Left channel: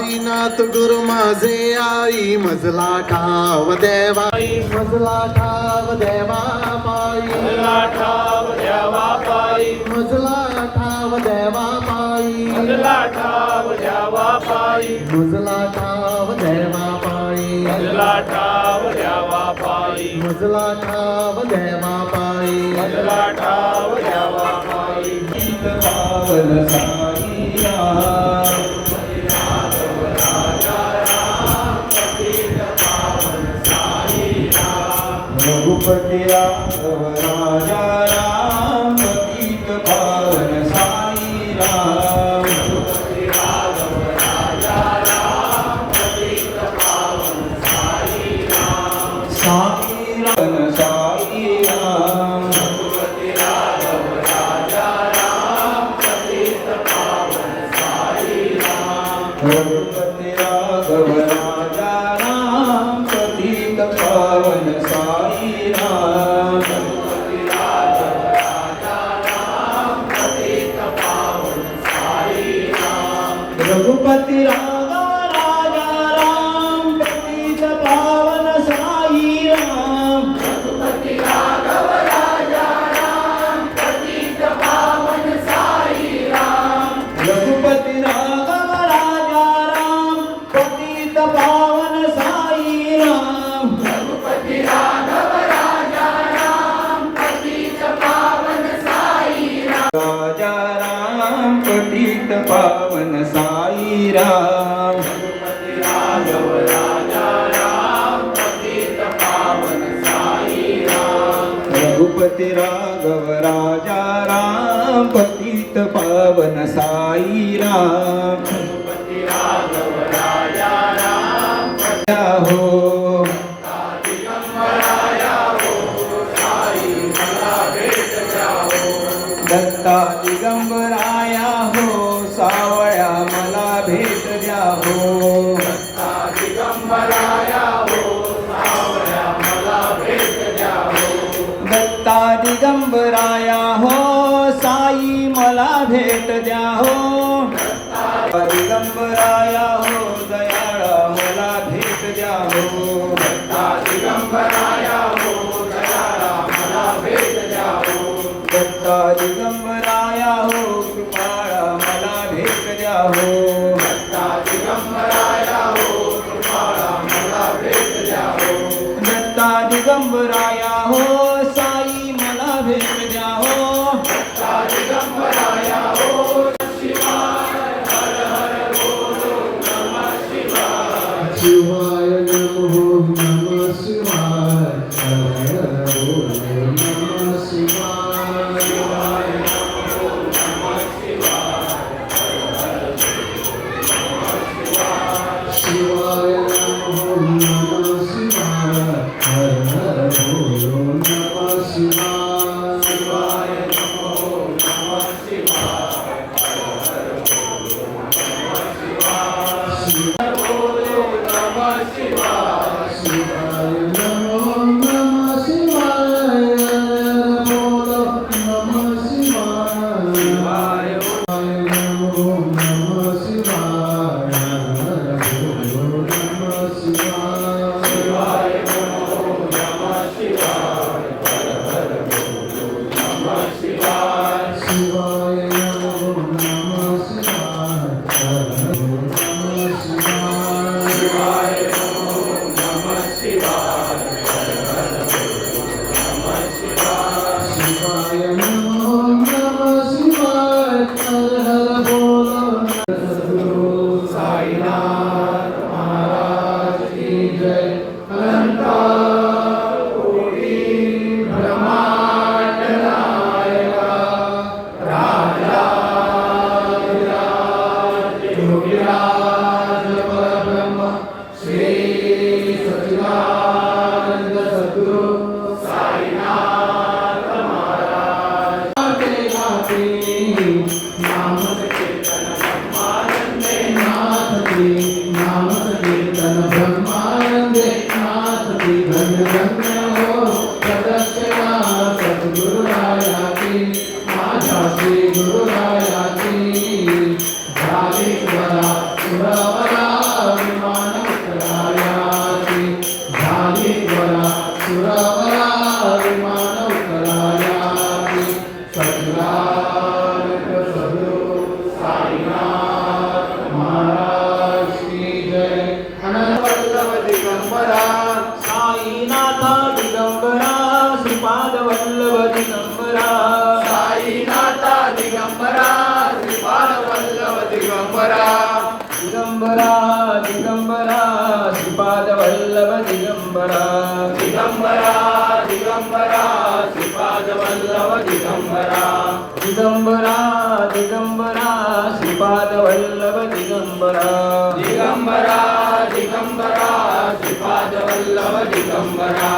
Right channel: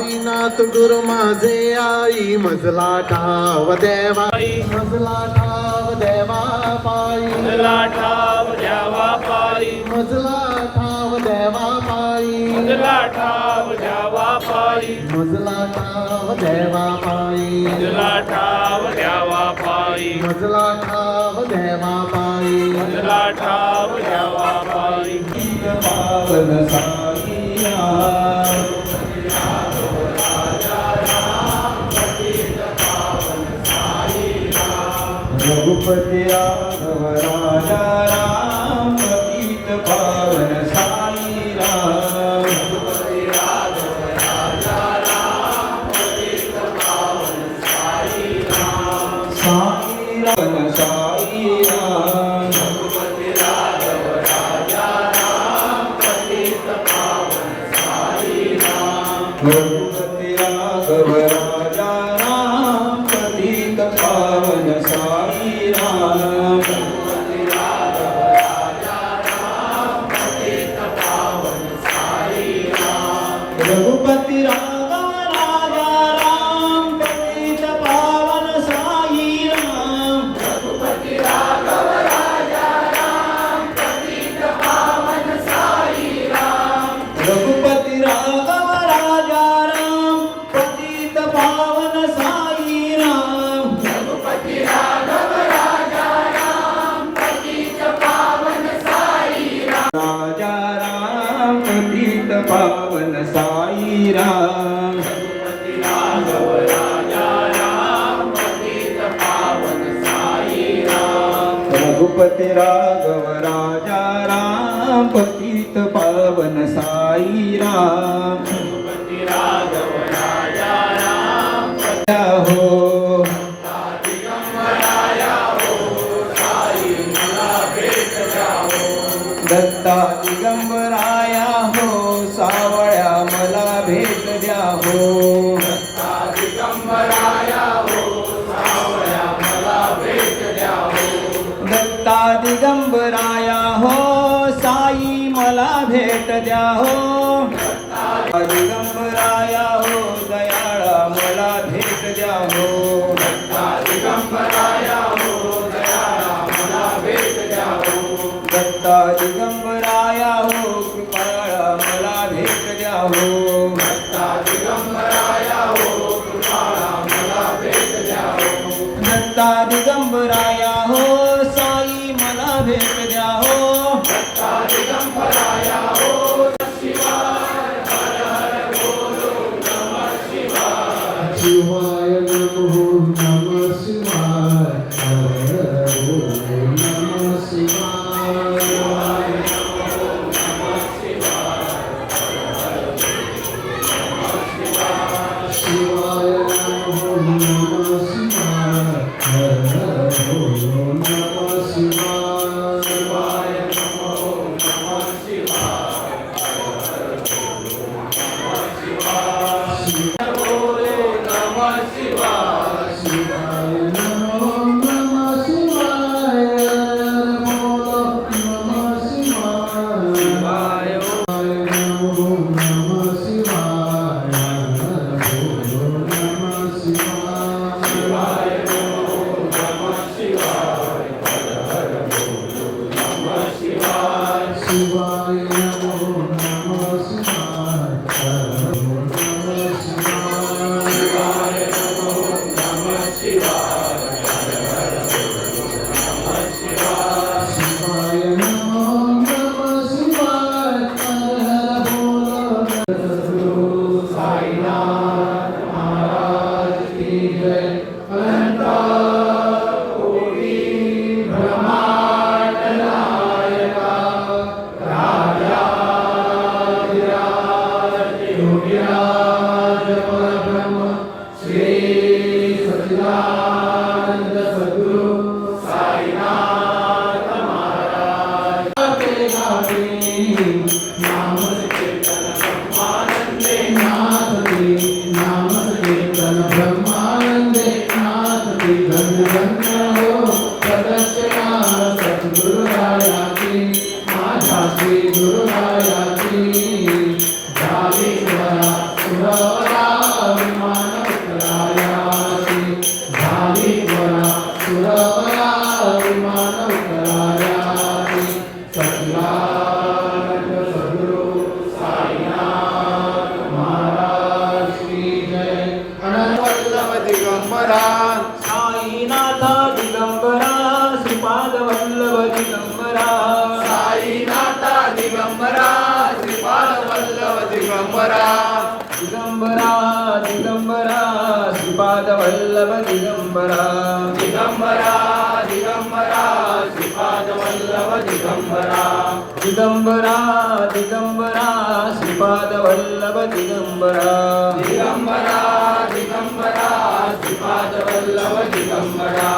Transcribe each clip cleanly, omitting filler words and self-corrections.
साईनाथ डुर माझे आई मजला ठाव देवा मजला ठाव देवा पायी मजला ठाव द्यावा पायी मजला ठाव देवा पायी मजला ठाव द्यावा पायी मजला ठाव देवा पायी मजला ठाव द्यावा पायी मजला ठाव देवा पायी मजला ठाव द्यावा पायी पावन साईनाथ रघुपती राघव राजा राम पतित पावन साई राम रघुपती राघव राजा राम पतित पावन साई राम साई राम साई राम रघुपती राघव राजा राम पतित पावन साई राम रघुपती राघव राजा राम पतित पावन साई राम रघुपती राघव राजा राम पतित पावन साई राम रघुपती राघव राजा राम पतित पावन साई राम रघुपती राघव राजा राम पतित पावन साई राम रघुपती राघव राजा राम पतित पावन साई राम रघुपती राघव राजा राम पतित पावन साई राम राजा राम पतित पावन साई राम रघुपती राघव राजा राम पतित पावन साई राम रघुपती राघव राजा राम पतित पावन साई राम रघुपती राघव राजा राम हो दत्ता दिगंबराया हो सावळ्या मला भेट द्या हो दत्ता दिगंबराया हो सावळ्या मला भेट द्या हो दत्ता दिगंबराया हो साई मला भेट द्या हो दत्ता दिगंबराया हो दयाळा मला भेट द्या हो दत्ता दिगंबराया हो दयाळा मला भेट द्या हो दत्ता दिगंबराया हो कृपाळा मला भेट द्या हो दत्ता दिगंबराया हो कृपाळा मला भेट द्या हो दत्ता दिगंबराया हो साई मला भेट द्या हो दत्ता दिगंबराया हो शिवाय हर हर बोलो नमः शिवाय शिवाय नमो नमः शिवाय हर हर बोलो नमः शिवाय शिवाय नमो नमः शिवाय हर हर बोलो नमः शिवाय शिवाय नमो नमः शिवाय शिवाय बोलो नमः शिवाय शिवाय नमो नमः शिवाय बोलो नमः शिवाय शिवाय नमो नमः शिवाय बोलो नमः शिवाय शिवाय नमो नमः शिवाय हर बोलो नमः शिवाय शिवाय नमो नमः शिवाय हर नमः शिवाय शिवाय नमो नमः शिवाय हर नमः शिवाय शिवाय नमो नमः शिवाय हर बोलो साईनाथ महाराज की जय अनंता कोटी ब्रह्मांड नायका राजा योगीराज परब्रह्म श्री सच्चिदानंद सद्गुरु साईनाथ महाराज नाम कीर्तन ब्रह्मानंदे नाथ की नाम कीर्तन ब्रह्मानंदे नाथ की धन्य धन्य हो सदस्या सद्गुरुराया की माझ्या श्री गुरुराया की झालेश्वरा दिगंबरा दिगंबरा श्रीपाद वल्लभ दिगंबरा दिगंबरा दिगंबरा श्रीपाद वल्लभ दिगंबरा दिगंबरा दिगंबरा श्रीपाद वल्लभ दिगंबरा दिगंबरा दिगंबरा श्रीपाद वल्लभ दिगंबरा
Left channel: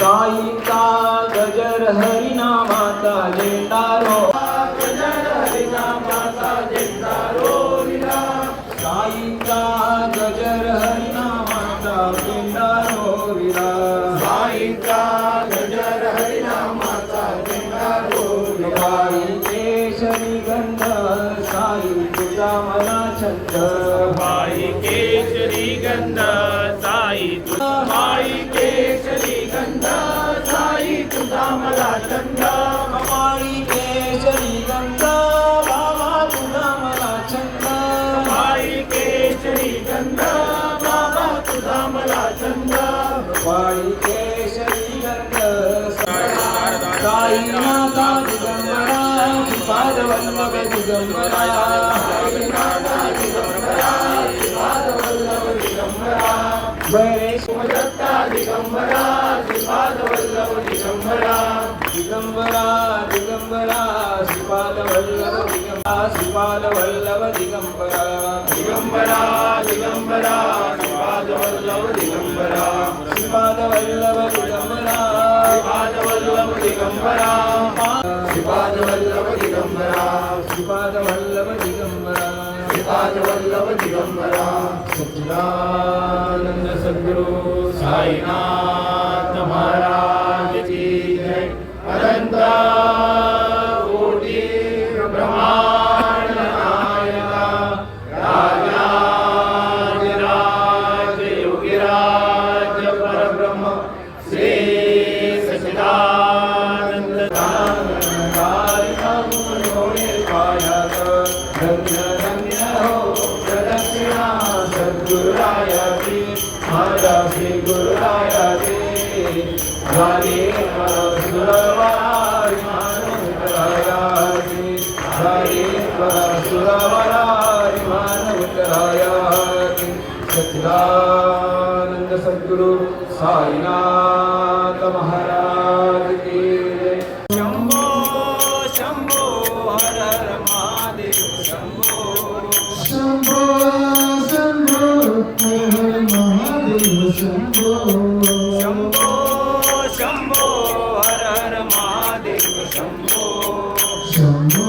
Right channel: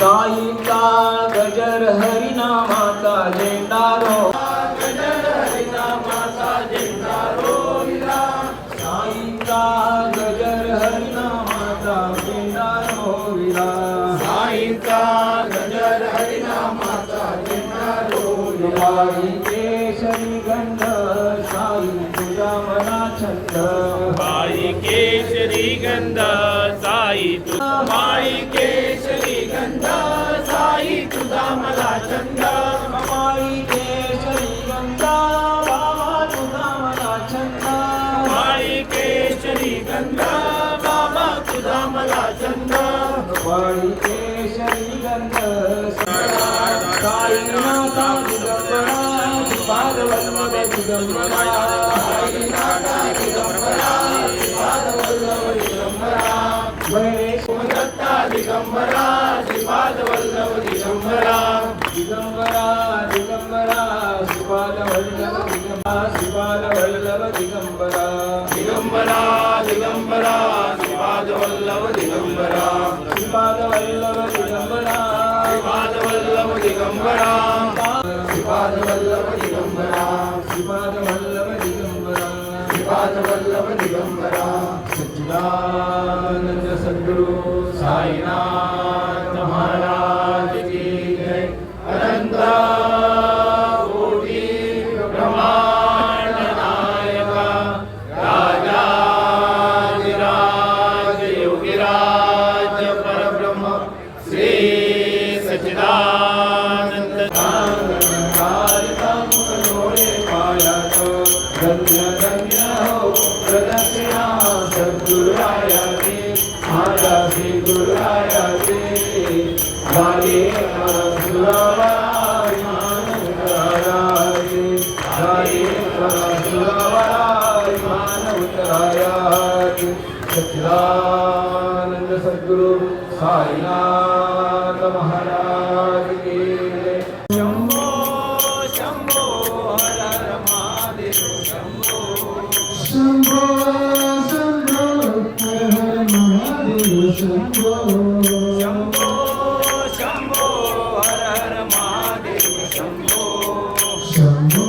साईचा गजर हरिनामाचा झेंडारो साईचा गजर हरिनामाचा झेंडारो विला साईचा गजर हरिनामाचा झेंडारो वारी केशरी गंध साई तुझा मना छंद साई केशरी गंध साई तुझा साई केशरी गंध साई तुझा मला छंद वारी केशरी गंध बाबा तुझा मना छंद साई केशरी गंध बाबा तुझा मला छंद वारी केशरी गंध साईनाथा दिगंबरा श्रीपाद वल्लभ दिगंबरा दत्ता दिगंबरा श्रीपाद वल्लभ दिगंबरा दिगंबरा दिगंबरा श्रीपाद वल्लभ दिगंबरा श्रीपाद वल्लभ दिगंबरा दिगंबरा दिगंबरा श्रीपाद वल्लभ दिगंबरा श्रीपाद वल्लभ दिगंबरा श्रीपाद वल्लभ दिगंबरा श्रीपाद वल्लभ दिगंबरा श्रीपाद वल्लभ दिगंबरा श्रीपाद वल्लभ दिगंबरा सच्चिदानंद सद्गुरु साईनाथ महाराज की जय अनंत कोटी ब्रह्मांड नायक राजाधिराज योगिराज परब्रह्म श्री सच्चिदानंद धन्य धन्य हो प्रदक्षिणा सद्गुरुराया की माझा श्री गुरुराया की झाले सुरवराय मानवरायाची झाले सुरवराय मानवरायाची सच्चिदानंद सद्गुरु साईनाथ महाराज की जय. शंभो शंभो हर हर महादेव शंभो शंभो शंभो हर हर महादेव शंभो शंभो शंभो हर हर महादेव शंभो शंभो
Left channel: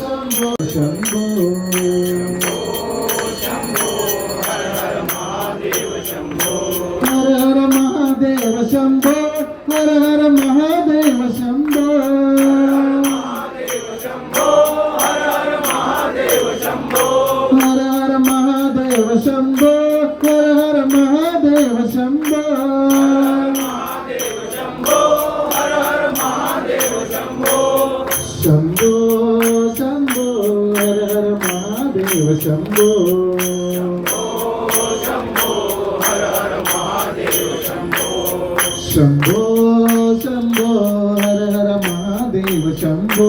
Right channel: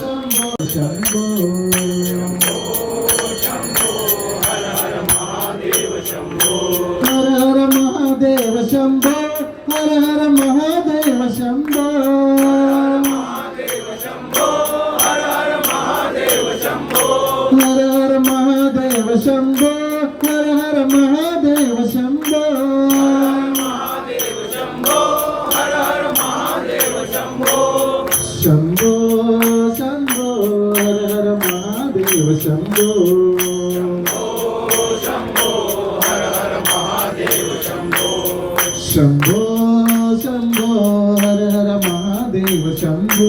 शंभो शंभो हर हर महादेव शंभो हर हर महादेव शंभो हर हर महादेव शंभो हर हर महादेव शंभो हर हर महादेव शंभो हर हर महादेव शंभो हर हर महादेव शंभो शंभो शंभो हर हर महादेव शंभो हर हर महादेव शंभो शंभो शंभो हर हर महादेव शंभो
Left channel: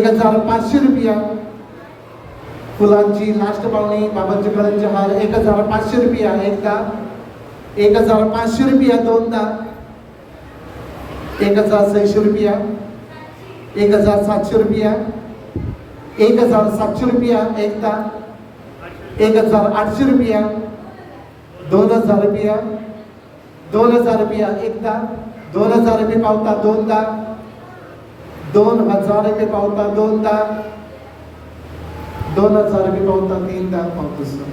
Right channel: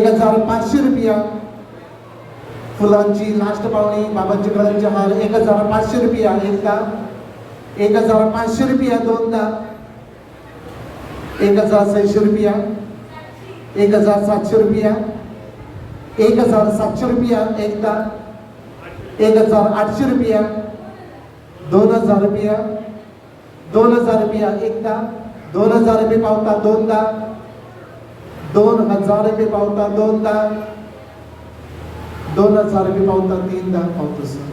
₹1,500 फुलांची लास्ट पावणी बाबांची करंजी हार 1500 रुपया एकदा, 1500 रुपया दोनदा, 1600 रुपया, 1700 रुपया, 1700 रुपया एकदा, 1800 रुपया, 2000 रुपया, 2000 रुपया एकदा, 2000 रुपये पावता दोनदा, 2000 रुपये पावता दोनदा, 2000 रुपये पावता तीनदा पावतो सर.